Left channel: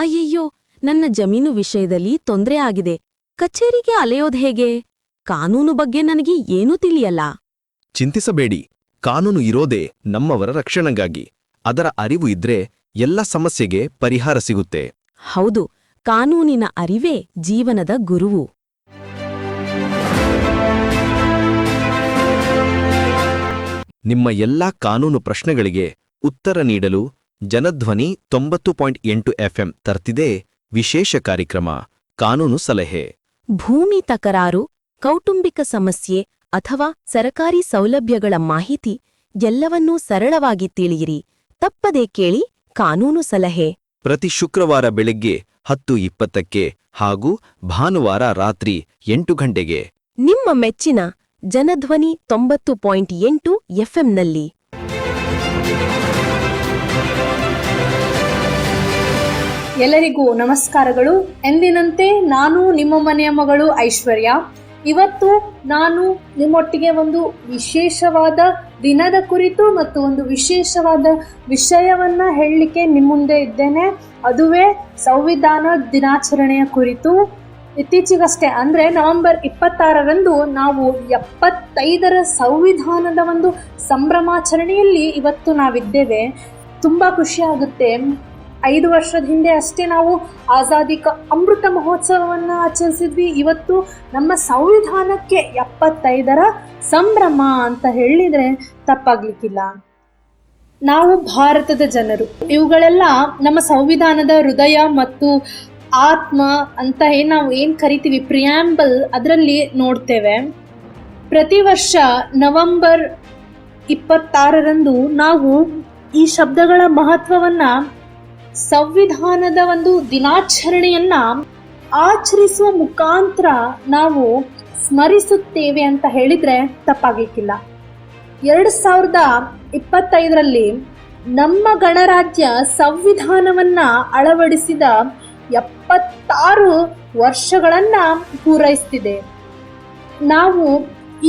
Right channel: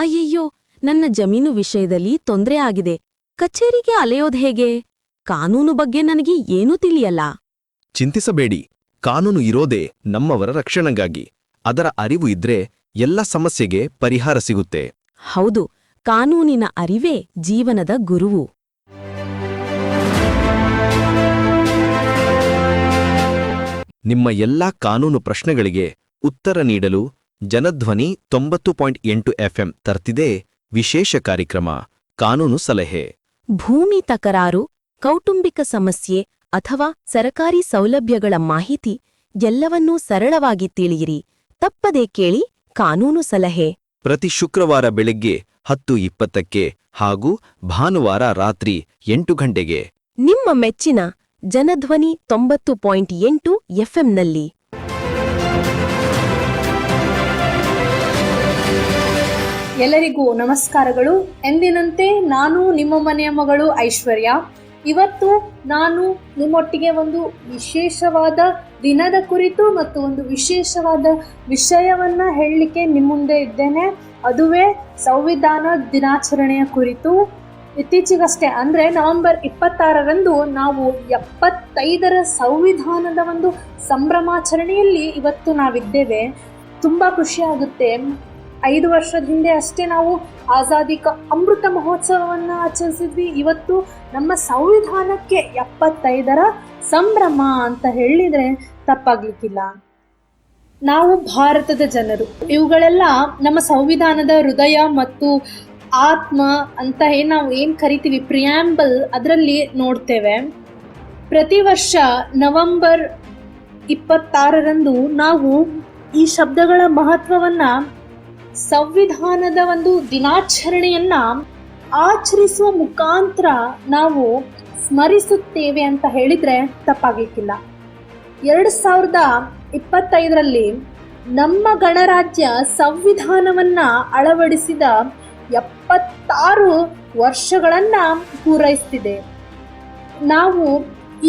ಅಯ್ಯಯ್ಯೋ, ನನ್ನ ಜಮೀನು ವಿಷಯದಲ್ಲಿ ತೊಂದ್ರೆ ಆಗಿದೆ. ಕಚೇರಿಗೆ ಅಲೆಯೋದ್ ಹೇಗೆ? ಕಾನೂನು ಬಗ್ಗೆ ನನಗೆ ಏನೂ ತಿಳಿಯಲ್ಲ. ಚಿಂತಿಸಬೇಡಿ, ಕಾನೂನು ಇರೋದೇ ನಮ್ಮವರ ರಕ್ಷಣೆಗಾಗಿ. ಅದರ ಅರಿವು ಇದ್ರೆ ಎಲ್ಲ ಸಮಸ್ಯೆಗೆ ಪರಿಹಾರ ಸಿಗುತ್ತೆ. ಹೌದು, ಕಾನೂನಿನ ಅರಿವೇ ಜೀವನದ ಗುರುವು. ನಿಮ್ಮ ಎಲ್ಲಾ ಕಾನೂನು ಪ್ರಶ್ನೆಗಳಿಗೆ ಉತ್ತರ ನೀಡಲು ಜನಧ್ವನಿ 90.8 FM ತರ್ತಿದೆ ವಿಶೇಷ ಕಾರ್ಯಕ್ರಮ ಕಾನೂನು ಸಲಹೆ. ಭೂಮಿ ತಕರಾರು, ಕೌಟುಂಬಿಕ ಸಮಸ್ಯೆ ಅಥವಾ ಸರಕಾರಿ ಸೌಲಭ್ಯಗಳ ಮಾಹಿತಿ ಎಲ್ಲವನ್ನೂ ಸರಳವಾಗಿ ತಿಳಿಯಿರಿ. ತಪ್ಪದೇ ಕೇಳಿ ಕಾನೂನು ಸಲಹೆ. ಪ್ರತಿ ಶುಕ್ರವಾರ ಬೆಳಗ್ಗೆ 10:20ಕ್ಕೆ ಹಾಗೂ ಭಾನುವಾರ ರಾತ್ರಿ 8 ಗಂಟೆಗೆ ನಿಮ್ಮ ಮೆಚ್ಚಿನ ಜನಧ್ವನಿ 90.8 FMನಲ್ಲಿ. ಎಲ್ಲರಿಗೂ ನಮಸ್ಕಾರಗಳು. ಎಂದಿನಂತೆ ನಾನು ನಿಮ್ಮ ಮನೆಯ ಮಗಳು ಐಶ್ವರ್ಯ. ಇವತ್ತು ನಾನು ನಿಮ್ಮೊಟ್ಟಿಗೆ ಒಂದು ವಿಶೇಷವಾದ ದಿನದ ಕುರಿತು ಮತ್ತು ಒಂದು ವಿಶೇಷವಾದ ವಿಷಯವನ್ನ ಹೇಳಲಿಕ್ಕೆ ನಿಮ್ಮ ಮುಂದೆ ಇದ್ದೇನೆ. ಅದುವೇ ಸಂವಿಧಾನ ದಿನಾಚರಣೆಯ ಕುರಿತು. ಇತ್ತೀಚೆಗಷ್ಟೇ ಅಂದರೆ ನವೆಂಬರ್ 26ರಂದು ನಾವು 75ರ ಸಂವಿಧಾನದ ಒಂದು ಸಂಭ್ರಮಾಚರಣೆಯಲ್ಲಿ ಇವತ್ತು ನಾವಿದ್ದೇವೆ. ತುಂಬ ಖುಷಿಯಾಗುತ್ತೆ. 5 ವರ್ಷದ ಹಿಂದೆ ಅಷ್ಟೇ ನಾವು ಆಜಾದಿ ಕಾ ಅಮೃತ ಮಹೋತ್ಸವವನ್ನು ಆಚರಿಸಿದ್ವಿ. ಇವತ್ತು ನಮ್ಮ ಸಂವಿಧಾನಕ್ಕೆ 75ರ ಸಂಭ್ರಮ ಅಂತ ಹೇಳಿದರೆ ತಪ್ಪಾಗ್ಲಿಕ್ಕಿಲ್ಲ. ನಾವು ಭಾರತದ ಜನರು, ಇವುಗಳೆಲ್ಲ ನಮ್ಮ ಸಂವಿಧಾನದ ಹೃದಯ ಮತ್ತು ಆತ್ಮ ಅಂತ ನಾವು ಏನು ಕರಿತೀವಿ, ಪ್ರಿಯಾಂಬಲ್, ಅದರಲ್ಲಿ ನೋಡ್ತೇವೆ. ಪ್ರತಿ ವರ್ಷ ನವೆಂಬರ್ 26ರಂದು ನಾವು ಈ ಶಬ್ದಗಳ ಮಹತ್ವವನ್ನು, ಸಂವಿಧಾನದ ಒಂದು ದಿನಾಚರಣೆಯನ್ನ ಆಚರಿಸುವ ಮುಖಾಂತರ ನಾವು ಸ್ಮರಿಸುತ್ತೇವೆ ಅಂತ ಹೇಳಿದ್ರೆ ತಪ್ಪಾಗಲಿಕ್ಕಿಲ್ಲ. 2025ರಲ್ಲಿ ನಮ್ಮ ಗಣರಾಜ್ಯ ಸಂವಿಧಾನವನ್ನ ಅಳವಡಿಸಿದ 76 ವರ್ಷಗಳನ್ನ ಪೂರೈಸ್ತಿದೆ. ನಾವು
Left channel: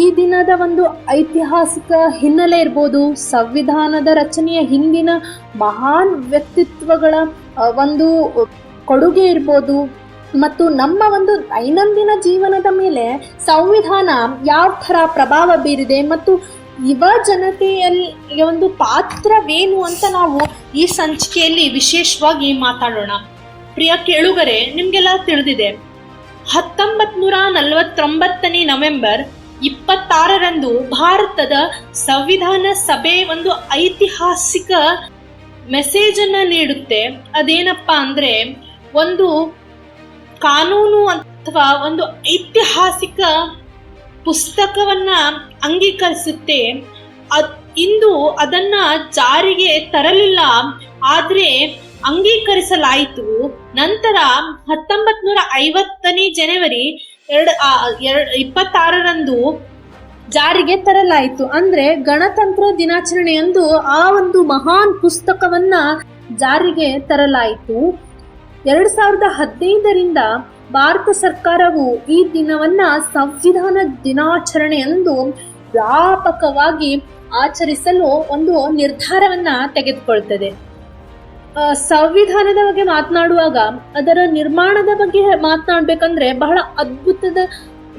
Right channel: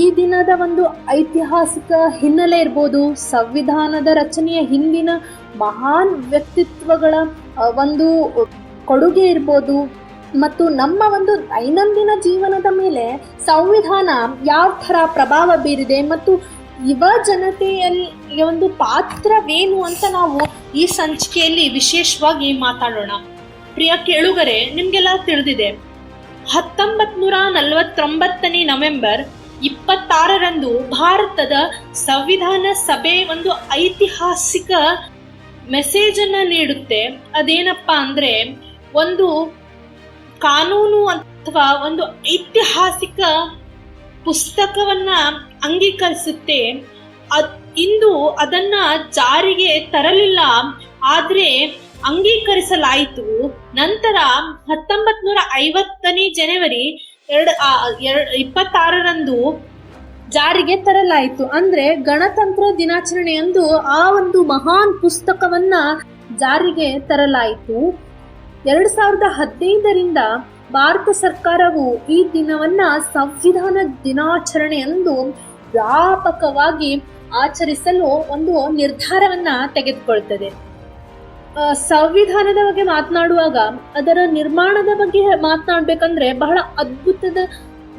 ಈ ದಿನದ ಒಂದು ಐತಿಹಾಸಿಕ ಹಿನ್ನೆಲೆ ಇರ್ಬೋದು, ಸಂವಿಧಾನದ ರಚನೆಯ ಹಿಂದಿನ ಮಹಾನ್ ವ್ಯಕ್ತಿತ್ವಗಳ ಒಂದು ಕೊಡುಗೆ ಇರ್ಬೋದು, ಮತ್ತು ನಮ್ಮ ಒಂದು ದೈನಂದಿನ ಜೀವನದ ಮೇಲೆ ಸಂವಿಧಾನ ಯಾವ ಥರ ಪ್ರಭಾವ ಬೀರಿದೆ ಮತ್ತು ಯುವ ಜನತೆಯಲ್ಲಿ ಒಂದು ಪಾತ್ರವೇನು ಅಂತ ನಾವು ಈ ಸಂಚಿಕೆಯಲ್ಲಿ ವಿಶೇಷವಾಗಿ ಮಾತಾಡೋಣ. ಪ್ರಿಯ ಕೇಳುಗರೆ, ನಿಮಗೆಲ್ಲ ತಿಳಿದಿದೆ, 1949ನೇ ನವೆಂಬರ್ 26ರಂದು ಭಾರತದ ಸಂವಿಧಾನ ಸಭೆ ಒಂದು ಐತಿಹಾಸಿಕ ಮೆಸೇಜ್ ಅನ್ನ ನೀಡುತ್ತೆ. ಅದೇನಪ್ಪ ಅಂದ್ರೆ, ಒಂದು ಕಾನೂನು ಅಥವಾ ಒಂದು ಐತಿಹಾಸಿಕ ಪುಸ್ತಕವನ್ನ ಅಂಗೀಕರಿಸುತ್ತೆ. ಇಂದು ಅದನ್ನ ಜಾರಿಗೆ ತರಲಿಲ್ಲ, ಆದ್ರೆ ಅಂಗೀಕರಿಸಲಾಯಿತು. ನಂತರ 1950ನೇ ಜನವರಿ 26ರಂದು ಜಾರಿಗೆ ತರಲಾಯಿತು. ಅಂದ್ರೆ ಗಣತಂತ್ರ ದಿನಾಚರಣೆಯಂದು ಆ ಒಂದು ಮಹಾನ್ ಪುಸ್ತಕವನ್ನ ಜಾರಿಗೆ ತರಲಾಯಿತು. 2015ರಿಂದ ಭಾರತ ಸರ್ಕಾರವು ಈ ದಿನವನ್ನ ಸಂವಿಧಾನ ದಿನಾಚರಣೆಯಂದು ವ್ಯಾಪಕವಾಗಿ ಆಚರಿಸಲು ಒಂದು ನಿರ್ಧಾರವನ್ನ ತೆಗೆದುಕೊಳ್ತದೆ. ಸಂವಿಧಾನದ ಬಗ್ಗೆ ಮಾತನಾಡುವಾಗ ಅದರ ನಿರ್ಮಾಣದ ಬಗ್ಗೆ ಮಾತನಾಡ್ಬೇಕಂದ್ರೆ ಬಹಳ ಅದ್ಭುತದ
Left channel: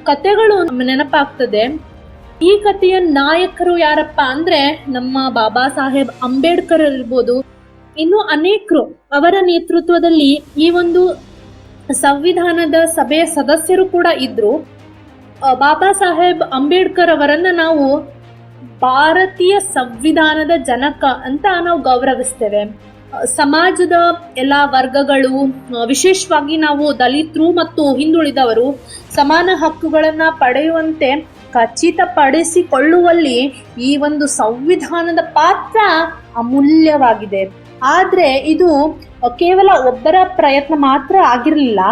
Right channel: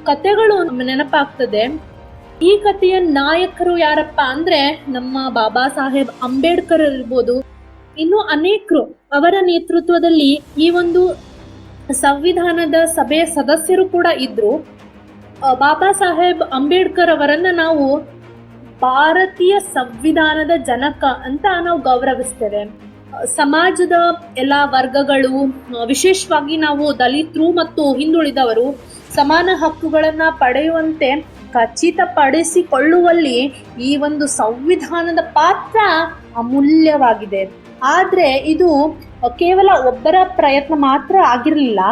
ಕಥೆಗಳು ನೆನಪಾಗ್ತದೆ. ಈ ಕಥೆಯ ನಾಯಕರು ಯಾರಪ್ಪ ಅಂದ್ರೆ ನಮ್ಮ ಬಾಬಾ ಸಾಹೇಬ್ ಅಂಬೇಡ್ಕರ್ ಇರ್ಬೋದು, ಇನ್ನು ಅನೇಕರು. ಅವರ ನೇತೃತ್ವದಲ್ಲಿ ಈ ಒಂದು ಸಂವಿಧಾನದ ಸಭೆಯ ಸದಸ್ಯರು ಕೂಡ ಇದ್ರು. ಬಾಬಾ ಸಾಹೇಬ್ ಅಂಬೇಡ್ಕರ್ ಅವರನ್ನ ನಾವು ಭಾರತೀಯ ಸಂವಿಧಾನದ ಜನಕ ಅಂತ ನಾವು ಗೌರವಿಸ್ತೇವೆ. ಸಮಾಜದ ಎಲ್ಲ ವರ್ಗಗಳು, ವಿಶೇಷವಾಗಿ ನಾವು ದಲಿತರು ಮತ್ತು ಹಿಂದುಳಿದವರು ಸಮಾನ ಹಕ್ಕುಗಳನ್ನು ಪಡೆಯುವಂತೆ ಖಚಿತಪಡಿಸಿಕೊಳ್ಳುವಲ್ಲಿ ಈ ಒಂದು ಸಂವಿಧಾನದ ಪಾತ್ರ ಅಮೂಲ್ಯವಾಗಿದೆ. ಆದರೆ ಇದು ಕೇವಲ ಒಬ್ಬರ ಪ್ರಯತ್ನ ಮಾತ್ರ ಆಗಿರಲಿಲ್ಲ.